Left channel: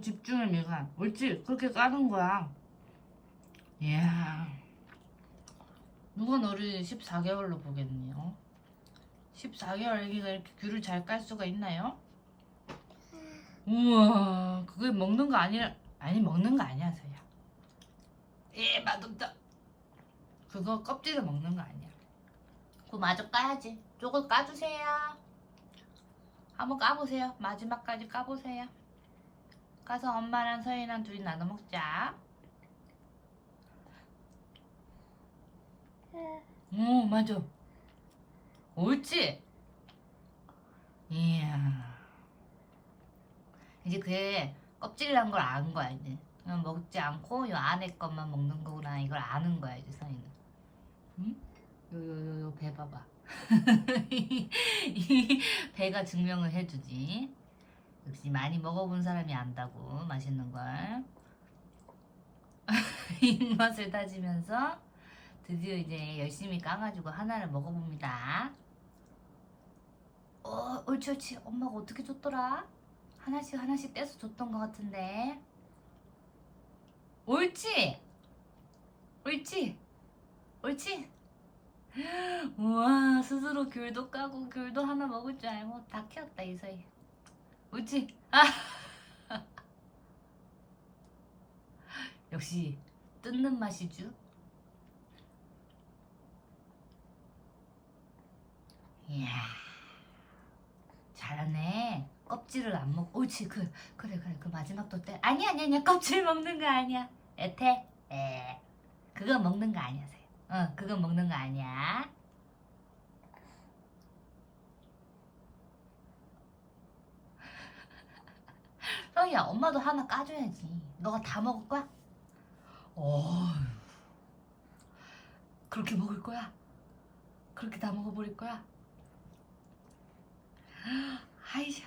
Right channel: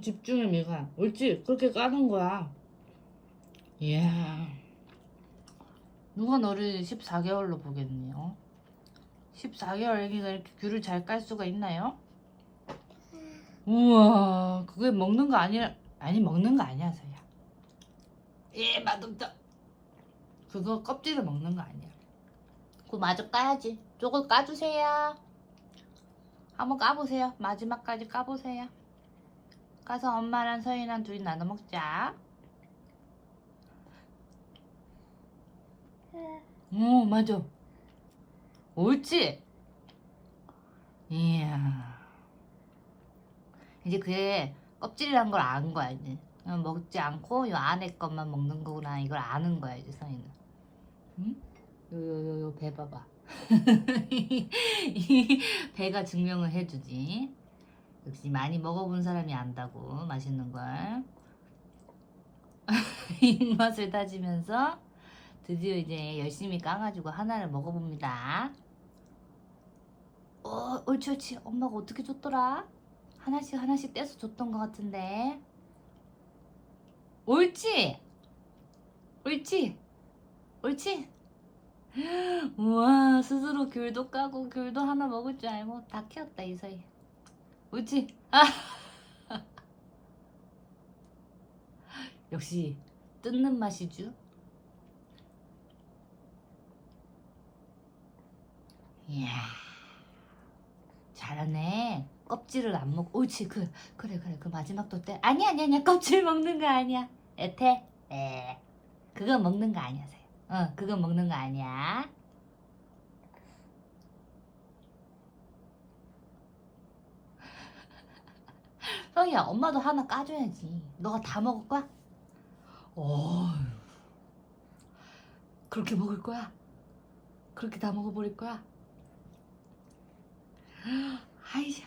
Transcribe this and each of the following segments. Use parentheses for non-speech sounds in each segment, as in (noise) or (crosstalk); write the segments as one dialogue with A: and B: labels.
A: 집중해 미가 옳지 그렇게 까는 거야. 이야. 누가 너를 14개월로 보겠니 어? 14개월 애기가 이렇게 귤을 잘 깔 수가 있나요? 우와 그게 먹는 거 아니라 아니 먹는 거 아니야 서야. 예 맛없다. 그거 껍질을 먹는 거 아니야. 그거 마저 까야지. 저거 까주세요. 한번 까보세요. 마지막까지 까보세요 가서 엄마랑 서인이랑 둘이 나눠 먹자. 오 맞아. 옳지? 이야. 이제 그게 껍질이란 걸 아는 거야 이제. 먹지 않고 이 안에 것만 먹는 거구나. 이걸 아는 거야 이제 서인은 응? 요요요 배 봐봐. (laughs) 이 배가 증명을 해주지 역시 많이 먹어본 사람이 안다고 맛있는 걸. (laughs) 입맛을 다지면서 드디어 이제 열심히 까가지고 하나를 먹어봅니다. 어 옳지 옳지. 엄마가 어떻게 줬더라? 하나씩 하나씩 떼서 줬던 것 같은데. 옳지! 옳지! 옳지! (gasps) 우와 스스로 귤도 까고 귤도 하나 먹을 줄 알고 다 키웠다 이 사이 옳지 아. (laughs) 역시 뜯는 맛이죠. 이야 잘하네. 껍질을 안 먹. 옳지 그 그래 그래 그 마지막 도 때 아니 아니 아니야. 껍질 먹는 거 아니야. 에테 에. 그거 먹는 거 아니야 세. 어 그거 먹는 거 아니야 형이야 엄마도 하나 까줘야지 너가 다 먹을 거야? 어 그렇게 먹을 거야? 그렇게 다 먹어버릴 거야? 아이샤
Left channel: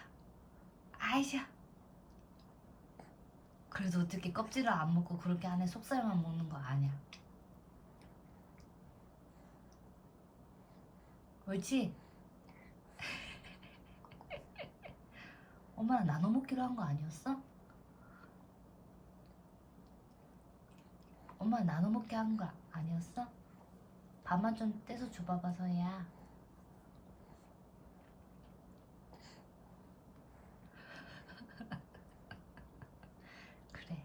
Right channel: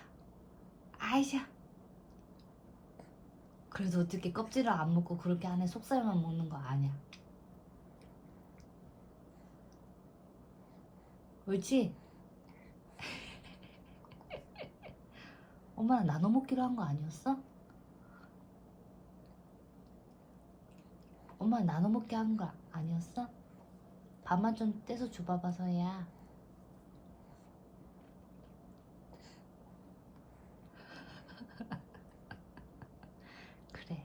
A: 아이샤 그래도 어떻게 껍질을 안 먹고 그렇게 안에 속살만 먹는 거 아니야 옳지? 엄마랑 나눠 먹기로 한 거 아니었어? 엄마 나눠 먹게 한거 아니었어? 밥만 좀 떼서 줘봐봐 서희야. (laughs) 그래.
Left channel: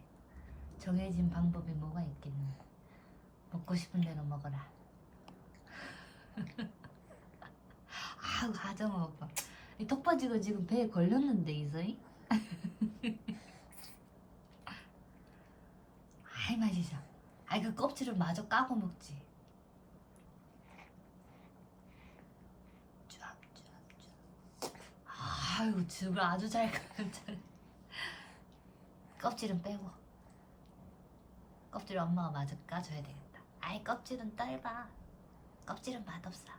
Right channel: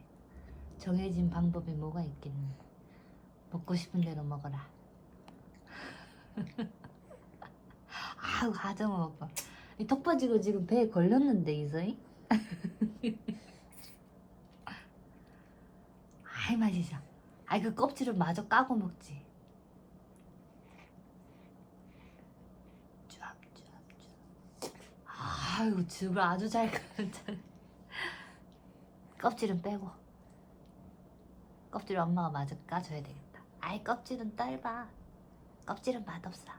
A: 정해진 방법이 뭐가 있겠니? 먹고 싶은 대로 먹어라. (laughs) 아우 하정우 오빠 이 턱받이가 지금 배에 걸렸는데 이서희 (laughs) 아이 맛이죠. 아이 그 껍질을 마저 까고 먹지. 쫙쫙쫙 아유 즙을 아주 잘 까는데 껍질은 빼고. 껍질 엄마가 마저 까줘야 되겠다. 아이 껍질은 딸봐. 껍질은 맛없어